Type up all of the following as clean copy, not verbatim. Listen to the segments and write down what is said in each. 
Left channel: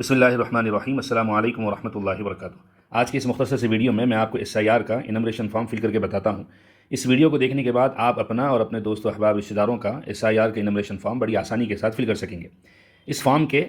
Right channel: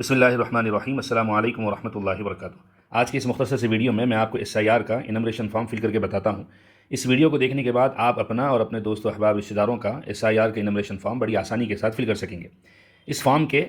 बिस्मिल्लाहिर्रहमानिर्रहीम अस्सलामु अलैकुम वरहमतुल्लाहि वबरकातुहू। आज की इस मुख्तसर सी वीडियो में मैं आपको SIR का इनमरेशन फॉर्म फिल करके बताता हूँ। इस वीडियो को देखने के बाद आप अपना और अपने दोस्तों अहबाब रिश्तेदारों का SIR का इनमरेशन फॉर्म बड़ी आसानी के साथ फिल कर सकेंगे। इस फॉर्म के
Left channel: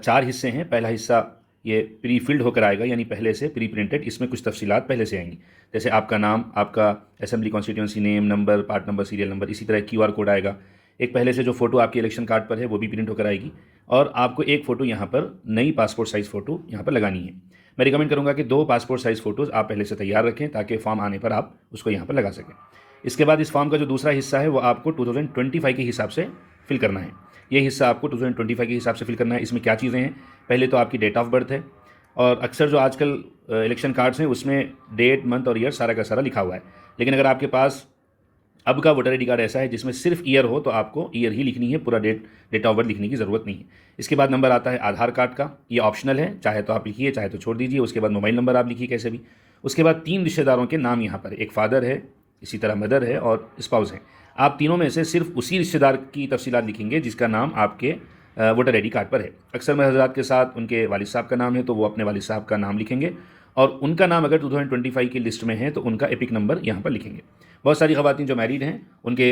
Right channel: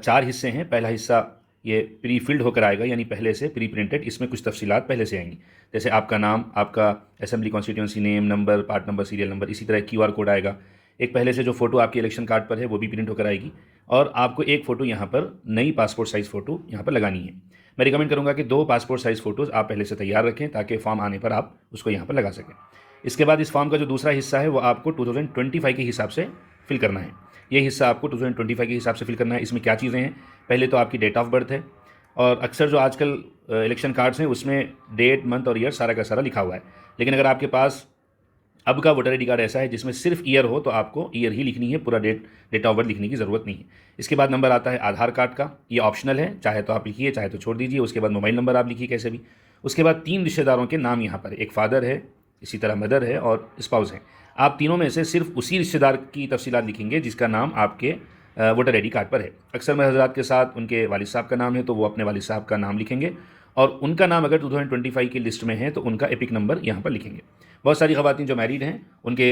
4 हिस्से हैं। पहला हिस्सा ये प्री फिल्ड होकर आएगा, यानी पहले से प्री प्रिंटेड। इसमें कुछ तफसीलात पहले से आएंगी, जैसे आपका नाम, आपका assembly constituency name, number, part number, serial number. इसी तरह QR कोड आएगा। एक पहले से जो फोटो आपके इलेक्शन कार्ड पर है वो भी प्रिंट होकर आएगी, और आपको एक फ़ोटो यहाँ पर नई पासपोर्ट साइज़ फ़ोटो यहाँ पर लगानी है। मैं रिकमेंड करूँगा कि 2 पासपोर्ट साइज़ फ़ोटोज़ आप पहले से तैयार रखें, ताकि फॉर्म आने पर आप उसको यहाँ पर लगा सकें। इसके बाद इस फॉर्म का जो दूसरा हिस्सा है वो आपको 2025 के हिसाब से फिल करना है। ये हिस्सा आपको 2025 के हिसाब से फिल करना है। इसमें क्या चीज़ें हैं? पहले तो आपकी डेट ऑफ बर्थ है, और अक्सर जो आजकल इलेक्शन कार्ड्स हैं उसमें डेट, मंथ और ईयर सारा का सारा लिखा हुआ है। लेकिन अगर आपके पास अब का वोटर ID कार्ड ऐसा है जिसमें सिर्फ ईयर हो, तो आपको ईयर ही लिखनी है, पूरा डेट ऑफ बर्थ लिखने की ज़रूरत नहीं है। इसके बाद नंबर आता है आधार कार्ड का। ये ऑप्शनल है, चाहे तो आप लिखिए, चाहे तो छोड़ दीजिए। उसके बाद मोबाइल नंबर आप लिखिए कैसे भी। उसके बाद 3 रिश्तेदारों के नाम यहाँ पर, एक फादर है, इसी तरह मदर है और स्पाउस है। आप तीनों में से सिर्फ उसी रिश्तेदार की तफसीलात लिखेंगे जिसका नाम आपके वोटर ID कार्ड पर है। अक्सर में हज़रात के साथ उनके वालिद साहब का नाम है, तो वो अपने वालिद साहब का नाम लिखेंगे, और उनका नाम अगर 2025 की लिस्ट में है तो उनका एपिक नंबर यहाँ पर लिखेंगे। बहुत सारी ख़वातीन जो मैरिड हैं, उनके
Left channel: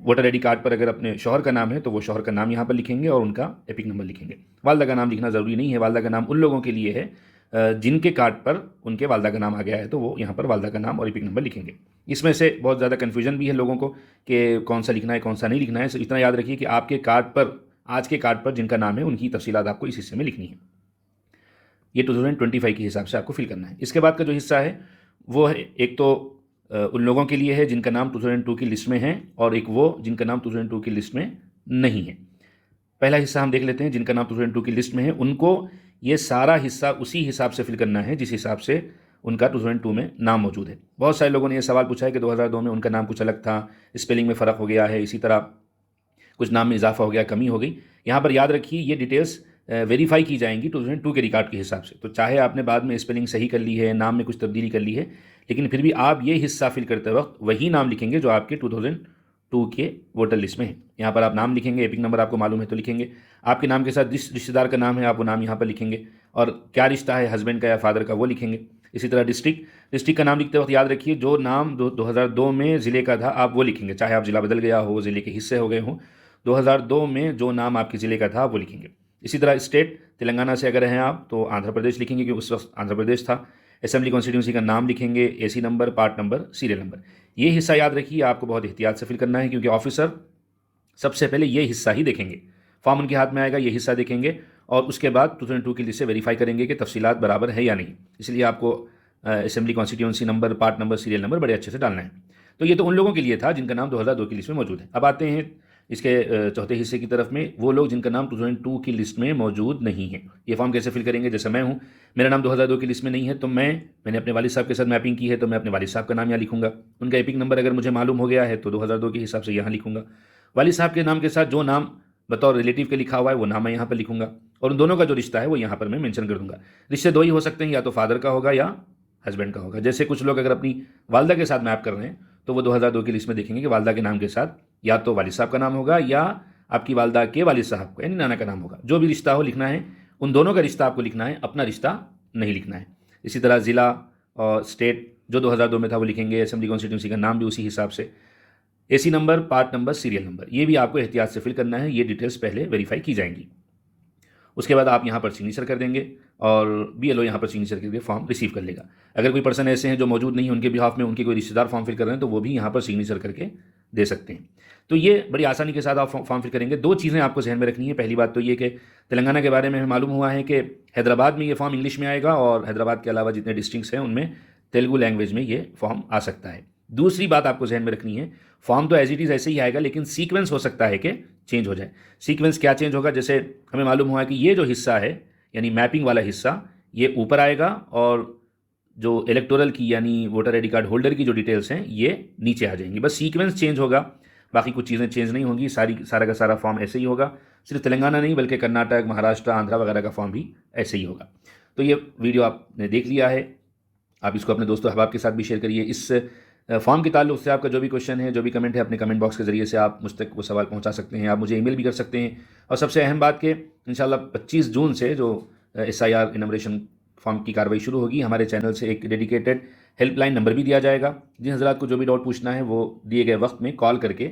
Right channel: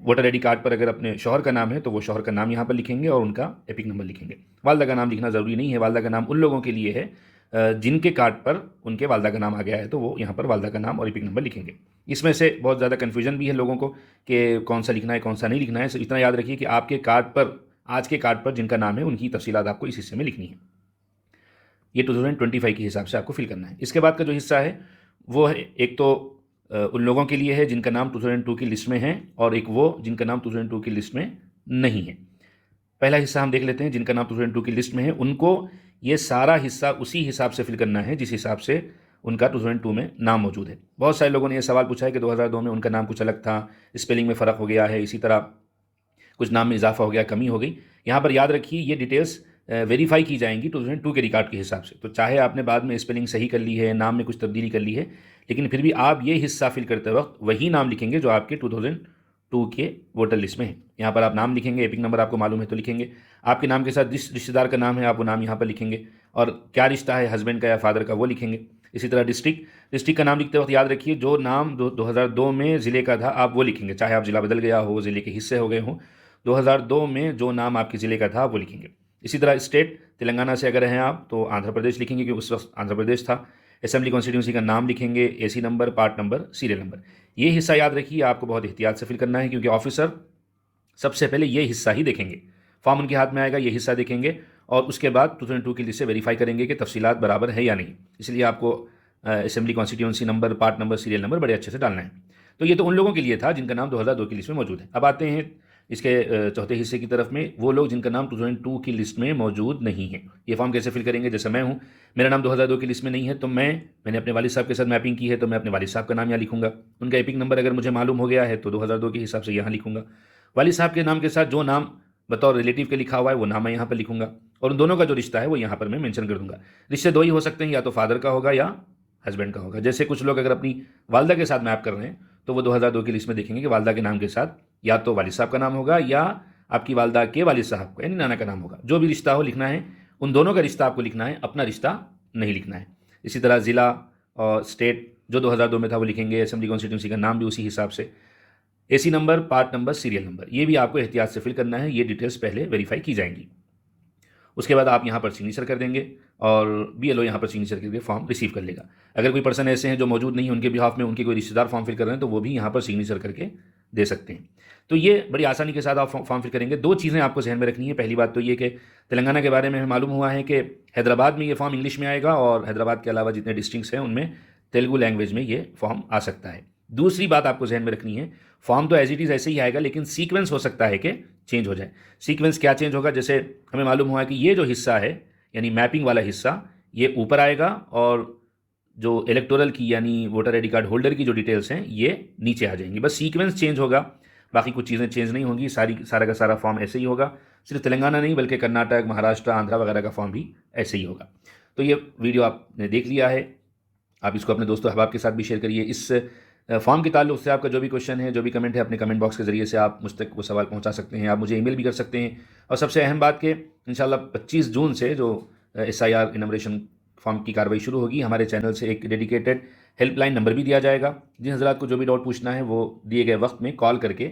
वोटर ID कार्ड पर अगर अपने शौहर का नाम है तो वो शौहर का नाम यहाँ पर लिखेंगे और उनका एपिक नंबर लिखेंगे। वालदा का नाम लिखना ज़रूरी नहीं है। वालदा का नाम उन लोगों के लिए है जिनके कार्ड पर उनके वालदा का नाम आ गया है, तो वो यहाँ पर वालदा का नाम और एपिक नंबर लिखेंगे। इसमें से बहुत ज़्यादा कन्फ्यूजन भी है लोगों को कि कौन सा लिखना है, कौन सा नहीं लिखना है। इतना याद रखिए कि आपके कार्ड पर, आज के कार्ड पर जिनका नाम है, उनकी तफसीलात आपको इस हिस्से में लिखनी है। ये 2025 के हिसाब से आपको फिल करना है। इसके बाद का जो हिस्सा है वो है, एक तो उन लोगों के लिए है जिनका नाम 2002 की लिस्ट में है, और एक वो जिनका नाम 2002 की लिस्ट में नहीं है। पहला हिस्सा हम देख लेते हैं। जिनका नाम 2002 की लिस्ट में है, उनको ये सारा हिस्सा उसी हिसाब से फिल करना है जिस हिसाब से उनका 2002 में नाम मौजूद है। बहुत सारे लोगों ने यह सवाल पूछा है कि 2002 में उनका नाम कुछ अलग था, स्पेलिंग में फ़र्क हो गया है, इसी तरह कुछ नाम में इजाफा हो गया, कमी हो गई। यहाँ पर याद रखिए, ये डिटेल्स वेरीफाई की जाएंगी 2002 के रिकॉर्ड के हिसाब से। तो चाहे आपने बाद में स्पेलिंग सही कर ली है, नाम में कुछ तब्दीली कर ली है, लेकिन फिर भी आप ये हिस्सा फिल करते वक्त वही नाम लिखेंगे जो आपके 2002 के वोटर लिस्ट में है। यहाँ पर आप नाम लिखेंगे, एपिक नंबर आपको मालूम है तो लिखेंगे। आपके नाम के साथ जिस रिश्तेदार का नाम है आप वो नाम यहाँ पर लिखेंगे, और क्या रिश्ता है, हस्बैंड का या फादर का, वो लिखेंगे। इसी तरह डिस्ट्रिक्ट का नाम लिखते वक्त याद रखिए, जो नाम 2002 में ज़िले का था आप वो लिखेंगे, चाहे आप ज़िला बदल गया हो, ज़िले के हिस्से हो गए हों। 2002 में जो नाम आपके ज़िले का था वो लिखेंगे। इसी तरह स्टेट, तेलंगाना से अगर हैं आप तो आंध्र प्रदेश लिखेंगे, क्योंकि उस वक्त आंध्र प्रदेश था। असेंबली कॉन्स्टिट्यूंसी का नाम लिखेंगे, AC number, part number, serial number. ये हिस्सा याद रखिए, आपको बहुत एहतियात से फिल करना है, क्योंकि ऑफिसर सबसे पहले ये हिस्सा ही देखेंगे। फॉर्म उनके हाथ में आएगा, ये हिस्सा देखेंगे, और उसके बाद 2002 की लिस्ट से वेरीफाई करेंगे कि तफसीलात बराबर है या नहीं। इसलिए आपको assembly constituency number, part number, serial number बड़े अच्छे से डालना है। तो ये तो उन लोगों के लिए था जिनका नाम 2002 की लिस्ट में मौजूद है। अब आते हैं इसके चौथे हिस्से की तरफ में, वो लोग जिनका नाम 2002 की लिस्ट में मौजूद नहीं है। ये फॉर्म कैसे फिल करेंगे? जैसे मैं हूँ, मेरा नाम 2002 की लिस्ट में नहीं है, तो मैंने अपने वालिद साहब के साथ मैपिंग की है, तो मैं अपने वालिद साहब का नाम यहाँ लिखूंगा। उनका एपिक नंबर अगर मुझे मालूम हो गया है तो 2002 के हिसाब से यहाँ लिखूंगा। वालिद साहब के नाम के साथ जो नाम बतौर रिलेटिव के लिखा हुआ है वो नाम मैं यहाँ पर लिखूंगा, और उन दोनों का जो रिश्ता है वो यहाँ पर मैं मेंशन कर दूंगा। रिश्ते 2 ही हो सकते हैं, या तो फादर का होगा या हस्बैंड का होगा। जैसे कुछ लोग अगर अपनी वालदा के साथ मैप कर रहे हैं तो वो 2002 की लिस्ट में देखेंगे कि वालदा के नाम के साथ या तो वालिद साहब का नाम होगा या आपकी वालदा के वालिद साहब का यानी नाना का नाम होगा। जो भी रिश्ता हो लिखना है, उन दोनों का रिश्ता आपको लिखना है, अपना रिश्ता नहीं लिखना है। इसी तरह ज़िला और स्टेट जो 2002 में था वो लिखेंगे, असेंबली कॉन्स्टिट्यूंसी का नाम भी उसी हिसाब से, AC number, part number, serial number, ये भी आपको एहतियात से फिल करना है। ये डिटेल्स पहले वेरीफाई की जाएंगी। उसके बाद आप यहाँ पर सिग्नेचर कर देंगे, और BLO यहाँ पर सिग्नेचर करके फॉर्म रिसीव कर लेगा। अगर कोई पर्सन ऐसे हैं जो मौजूद नहीं है, उनके बिहाफ में उनके कोई रिश्तेदार फॉर्म फिल कर रहे हैं, तो वो भी यहाँ पर सिग्नेचर करके दे सकते हैं। तो ये बड़ी आसानी के साथ आप फॉर्म फिल करेंगे। 2 चीज़ें आपको जहन में रखनी है। पहली बात तो ये कि तेलंगाना के बारे में हमें मालूम हुआ है कि हैदराबाद में ये फॉर्म इंग्लिश में आएगा, और हैदराबाद के अलावा जितने डिस्ट्रिक्ट्स हैं उनमें तेलुगु लैंग्वेज में ये फॉर्म आ सकता है। दूसरी बात आपको जहन में रखनी है, फॉर्म तो एज इट इज़ ऐसे ही आएगा, लेकिन सीक्वेंस हो सकता है कि चेंज हो जाए। सीक्वेंस क्या चेंज होगा? जैसे हमें मालूम हुआ है कि ये जो हिस्सा है, यानी मैपिंग वाला हिस्सा, ये ऊपर आएगा, और जो इलेक्टोरल की यानी वोटर ID कार्ड होल्डर की जो डिटेल्स है ये नीचे आ जाएंगी। बस सीक्वेंस चेंज होगा, बाकी कुछ चीज़ें चेंज नहीं होंगी। सारा का सारा फॉर्म ऐसे ही होगा। सिर्फ तेलंगाना नहीं बल्कि कर्नाटक, महाराष्ट्र, आंध्रा वगैरह का फॉर्म भी ऐसे ही होगा। तो ये वीडियो आपने देख लिया है, आप इसको अपने दोस्तों अहबाब के साथ भी शेयर करिए। इस फॉर्म के ताल्लुक से आपका जो भी क्वेश्चन है, जो भी कमेंट है, अपने कमेंट बॉक्स के ज़रिए से आप मुझ तक वो सवाल पहुंचा सकते हैं। आप मुझे ईमेल भी कर सकते हैं। और सबसे अहम बात कि इंशाल्लाह 25 जून से जो SIR इनमरेशन फॉर्म की कार्रवाई शुरू होगी, हमारे चैनल से एक डेडिकेटेड हेल्पलाइन नंबर भी दिया जाएगा। जिन हज़रात को जो भी डाउट पूछना है वो दिए गए वक्त में कॉल करके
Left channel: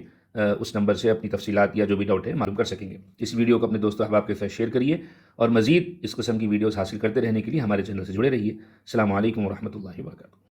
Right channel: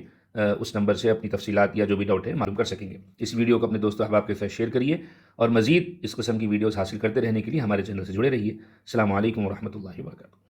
उस नंबर से अपनी तफसीलात या जो भी डाउट है मालूम कर सकेंगे। इस वीडियो को अपने दोस्तों अहबाब के साथ शेयर करिए और मज़ीद इस किस्म की वीडियोज़ हासिल करते रहने के लिए हमारे चैनल से जुड़े रहिए। अस्सलामु अलैकुम व रहमतुल्लाहि व बरकातुहू।